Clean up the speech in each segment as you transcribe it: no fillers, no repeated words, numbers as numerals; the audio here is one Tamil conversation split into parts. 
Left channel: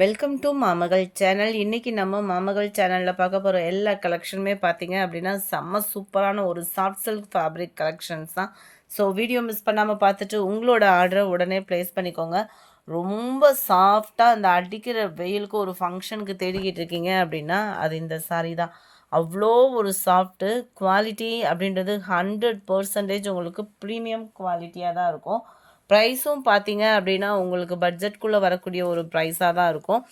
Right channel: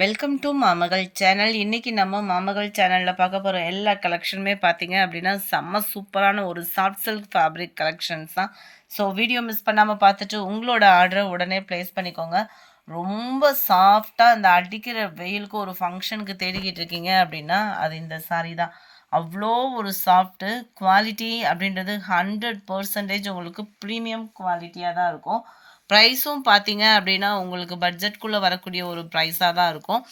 Welcome to மாமகள் channel. இன்றைக்கி நம்ம மாமகள் சேனலில் பார்க்க போகிற எல்லா கலெக்ஷனுமே பார்த்தீங்க அப்படின்னா செம்ம சூப்பரான ஒரு சாஃப்ட் சில்க் ஃபேப்ரிக் கலெக்ஷன்ஸ் தான். ஸோ வீடியோ மிஸ் பண்ணாமல் பார்த்துட்டு உங்களோட ஆர்டரை உடனே ப்ளேஸ் பண்ணிக்கோங்க. ரொம்ப சாஃப்டாக அந்த அடிக்கிற வெயிலுக்கு ஒரு ஃபங்க்ஷனுக்கு தேடிக்கிட்டு இருக்கீங்க அப்படின்னா அது இந்த சாரீ தான். அவ்வளோ ஒரு சாஃப்ட்டு குவாலிட்டி அப்படின்றது 100% உங்களுக்கு ப்ரீமியம் குவாலிட்டியாக தான் இருக்கும். ப்ரைஸும் பார்த்தீங்க அப்படின்னா உங்களுக்கு பட்ஜெட்குள்ளே வரக்கூடிய ஒரு ப்ரைஸாக தான் இருக்கும்.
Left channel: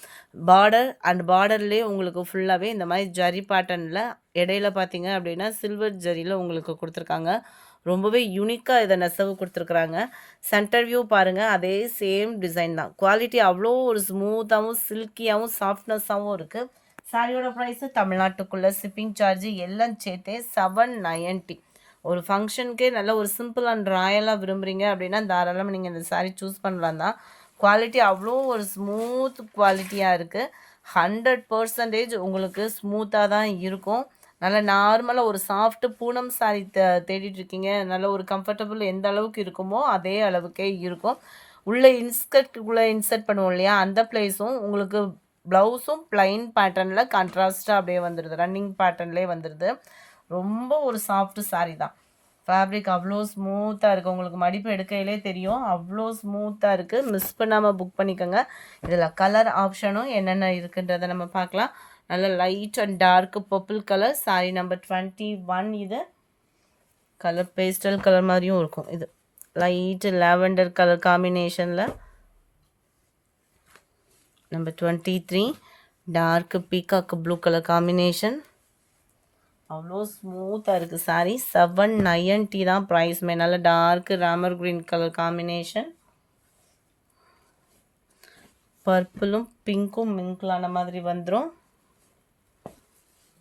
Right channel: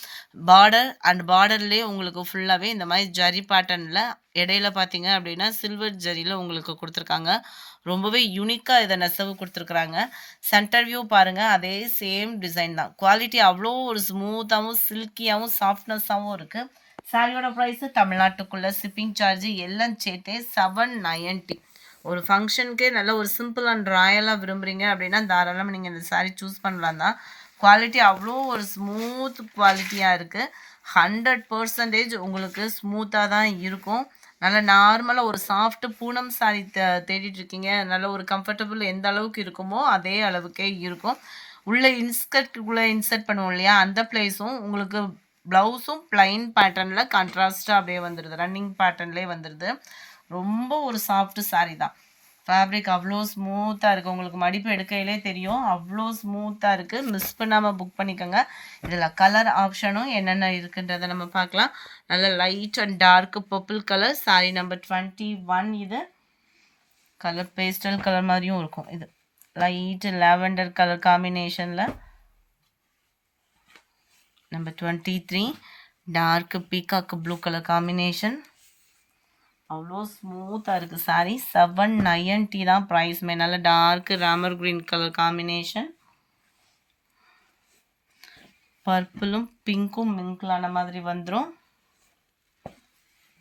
பார்டர்லேயே உங்களுக்கு ஃபுல்லாகவே இந்த மாதிரி ஜரி பேட்டர்னில் இடையில பார்த்தீங்க அப்படின்னா சில்வர் ஜரியில் உங்களுக்கு கொடுத்துருக்காங்க. ரொம்பவே யூனிக்காக இதை நெசவு கொடுத்துருக்குறாங்க. சென்டர் வியூ பாருங்கள், அதே சேம் டிசைன் தான். குவாலிட்டி அவ்வளோ ஒரு ஸ்மூத்தாகவும் சில்கியாகவும் சாஃப்ட்னஸாகவும் இருக்குது. சாரியோட ப்ரைஸு தமிழ்நாட்டுக்குள்ளே ஷிப்பிங் சார்ஜ் எல்லாம் சேர்த்தே 790. ஒரு ஃபங்க்ஷனுக்கே நல்ல ஒரு சிம்பிள் அண்ட் ராயலாக விரும்புகிறீங்க அப்படின்னா தாராளமாக நீங்கள் இந்த சாரீ சூஸ் பண்ணலாம் தான். குவாலிட்டி அவ்வளோ ஒரு ஸ்மூத் குவாலிட்டியாக இருக்குது. 100% உங்களுக்கு ஸ்மூத்தாக தான் இருக்கும். நல்ல நார்மலாக ஒரு சாஃப்ட்டு பூனம் சாரீ தேடிட்டுருக்கீங்க, நல்ல ஒரு கம்ஃபர்டபுள் எந்த அளவுக்கு இருக்குமோ அதே அளவுக்கே இருக்கும். உள்ளே இன்சர்ட் பண்ணுவோம் இல்லையா, அந்த பிளேஸும் உங்களுக்கு ப்ளவுஸும் ப்ளைன் பேட்டர்னில் கான்ட்ராஸ்ட்டாக அப்படியே வந்துடுது, ரன்னிங் பேட்டர்ன்லேயே வந்துடுது. ரொம்ப ஒரு சாஃப்ட் சாரீ தான். ஃபேப்ரிக் அவ்வளோ ஸ்மூத்தாக இருக்குது. உங்களுக்கு மடிப்பு எடுக்கையிலே தெரியும், அவ்வளோ ஸ்மூத்தாக இருக்குது. மிஸ் பண்ணாமல் புக் பண்ணிக்கோங்க. இதில் கலர் ஆப்ஷனும் என்னென்ன இருக்குன்றதை நம்ம பார்க்கலாம். நல்ல light and dark purple colour, sari number 21. இது கலர் பேஸ்டல் கலர் மாதிரியும் இருக்கும். இது லைட் லாவெண்டர் கலர் காம்பினேஷனில் number 23. Dark peacock blue colour combination. அவ்வளோ ஸ்மூத்தாக இருக்குது சாரீ. 790 தான் ப்ரைஸ்மே. நல்ல dark Ramar green colour combination. பர்பிளும் பிங்க்கும் மிங்கிளான மாதிரி வந்துடும்.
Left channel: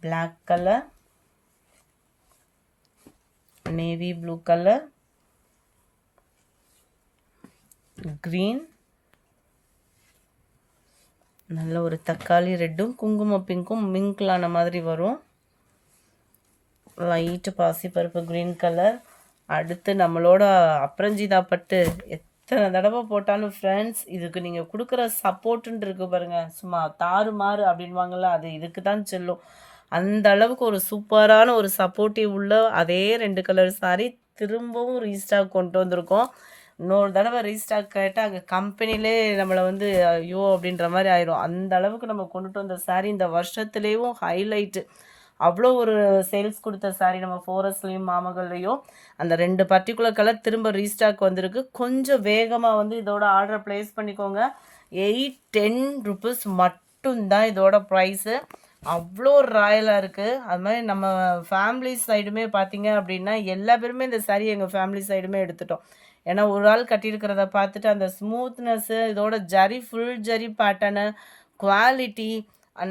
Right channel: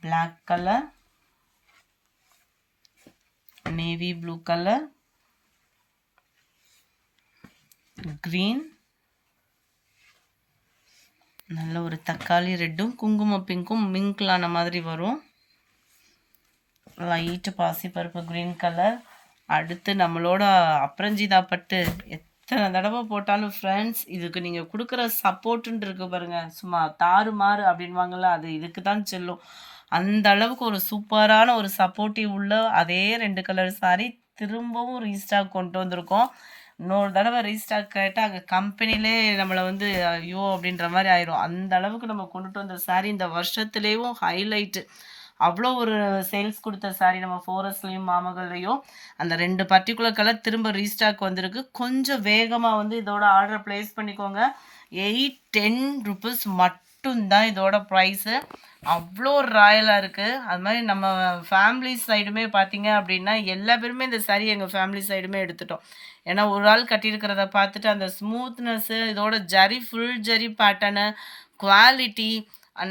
Black colour, navy blue colour, green, நல்ல ஒரு தக்காளி ரெட்டும் குங்கும பிங்க்கும் மிங்கிளான மாதிரி வரும். லைட்டு பாசிப்பருப்பு க்ரீன் கலர். அடுத்து நம்மளோட அப்ரஞ்சிதா பட்டு எத்தனை தடவை போட்டாலும் ஃப்ரெண்ட்ஸ் இதுக்கு நீங்கள் கொடுக்குற சப்போர்ட்டுன்னு இருக்கு பாருங்கள், சும்மா தாறுமாறு அப்படின்வாங்கள்ல, அது இதுக்கு தான் செல்லும். அந்த அளவுக்கு ஒரு சூப்பரான ஒரு சப்போர்ட்டிவ் உள்ள அதே 2 கலர் சாரீ திரும்பவும் ரீஸ்டாக் கொண்டு வந்திருக்கோம். இன்னொரு தடவை ரீஸ்டாக் கேட்டால் அங்கே கம்பெனிலே நம்மளை வந்து ஐயோ அப்படின்ற மாதிரி ஆயிரும். அந்த அளவுக்கு நம்ம கொண்டுட்டு வந்த சாரீ இந்த வருஷத்துலேயும் ஹைலைட்டு. அவ்வளோ ஒரு சேல்ஸ் கொடுத்த சாரீ நம்ம ஃபோரஸ்ட்லேயும் மாமகள்லேயும். அந்த 2 பர்டிகுலர் கலர் திரும்ப ரீஸ்டாக் வந்திருக்கு. கொஞ்சம் வேகமாக வந்து இதோட ஆர்டர் ப்ளேஸ் பண்ணிக்கோங்க. 810 ருபீஸ் மட்டும்தான் இதோட ப்ரைஸு. அவ்வளோ ராயலாக இருக்குது. அது மாதிரி நம்ம ஃபேமிலி சைடுமே பார்த்தீங்க அப்படின்னா எல்லா பேருமே இந்த சாரீ எங்கள் ஃபேமிலி சைடுமே எடுத்துட்டோம். ஏன்னா ஒரு ஆள் கட்டியிருக்கிறத பார்த்துட்டு அந்த ஸ்மூத்னஸ்ஸு, இதோட zari full zari pattern, quality,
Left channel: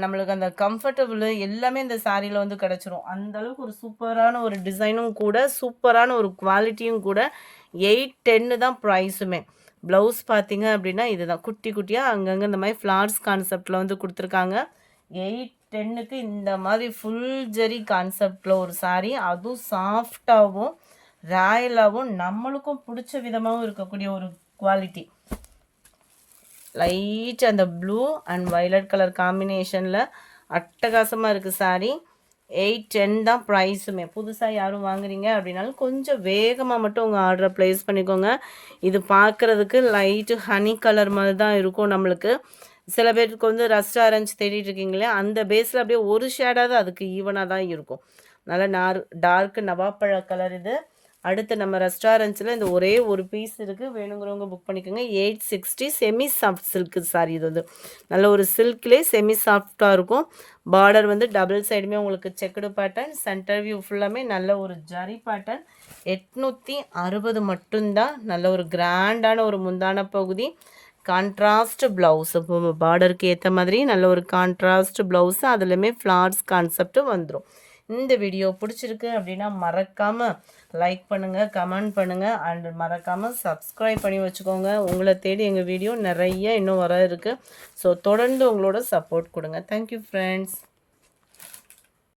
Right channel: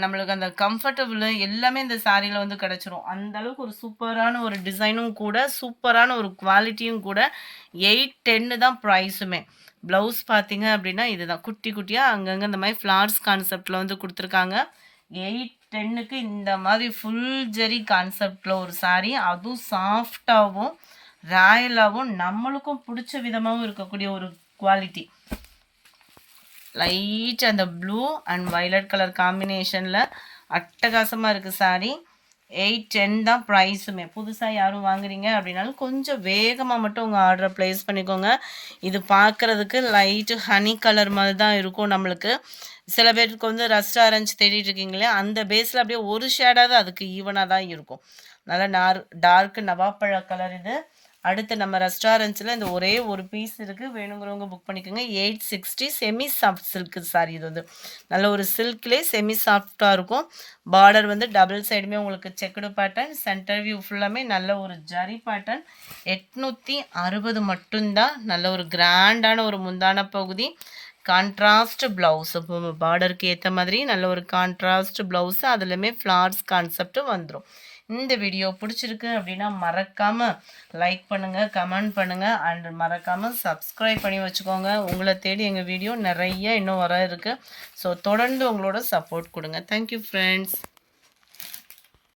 நம்மளுக்கு அந்த கம்ஃபர்டபுள் எல்லாமே இந்த சாரியில் வந்து கிடச்சிரும். அந்தளவுக்கு ஒரு சூப்பரான ஒரு டிசைனும் கூட, சூப்பரான ஒரு குவாலிட்டியும் கூட. 810 தான் ப்ரைஸுமே. ப்ளவுஸ் பார்த்தீங்க அப்படின்னா இதுதான் குட்டி குட்டியாக அங்கங்கே இந்த மாதிரி ஃப்ளார்ஸ் கான்செப்டில் வந்து கொடுத்துருக்காங்க. 810க்கு இந்த மாதிரி ஃபுல் ஜெரி கான்செப்டில் ஒரு சாரீ, அதுவும் சாஃப்டாகவும் ராயலாகவும் நம்மளுக்கும் பிடிச்ச விதமாகவும் இருக்கக்கூடிய ஒரு குவாலிட்டி. லைட் அந்த ப்ளூ அண்ட் வயலட் கலர் காம்பினேஷனில் அட்டகாசமாக இருக்குது சாரீ. 810 தான் ப்ரைஸுமே. புதுசாக யாரும் வாங்குறீங்க அப்படின்னாலும் கொஞ்சம் வேகமாக மட்டும் உங்கள் ஆர்டரை ப்ளேஸ் பண்ணிக்கோங்க. இது பார்க்குறதுக்கு லைட்டு ஹனி கலர் மாதிரி தான் இருக்கும் நம்மளுக்கு. சில பேருக்கு வந்து ரஸ்ட் ஆரஞ்சு தேடிட்டு இருக்கீங்களே, அந்த பேஸில் அப்படியே ஒரு ஷேடாவது அதுக்கு ஈவனாக தான் இருக்கும். நல்லா டார்க் நவாப்பழ கலர் இது. அடுத்து நம்ம ரெஸ்டாரண்ட்ஸில் இந்த ஒரே ஒரு பீஸ் இருக்குது, வேணுங்கிறவங்க புக் பண்ணிக்கோங்க. 860 செமி சாஃப்ட் சில்க்கு சாரி. இது வந்து நல்ல ஒரு சில்க்லேயே செமி சாஃப்டாக இருக்கும். பார்டர் வந்து டபுள் சைடுமே உங்களுக்கு செக்குடு பேட்டர்ன், சென்டர் வியூ ஃபுல்லாமே நல்ல ஒரு ஜரி பேட்டர்ன். 860 மட்டும்தான். நல்ல ஒரு கிராண்டான ஒரு முந்தான பகுதி, கான்ட்ராஸ்ட் ப்ளவுஸ், பார்டருக்கு ஏற்ற மாதிரி நல்ல ஒரு கான்ட்ராஸ்ட் ப்ளவுஸு, அதுலேயுமே ஃப்ளார்ஸ் கான்செப்ட் வந்துடும். இந்த வீடியோ பிடிச்சிருக்கு அப்படின்னா மறக்காமல் லைக் பண்ணுங்கள், கமெண்ட் பண்ணுங்கள், அண்ட் மறக்காமல் சப்ஸ்கிரைப் பண்ணி வச்சுக்கோங்க. உங்களை தேடி எங்கள் வீடியோ நிறைய இன்னும் வர இருக்குது. ஸோ தொடர்ந்து உங்களோட சப்போர்ட் கொடுங்க. Thank you friends.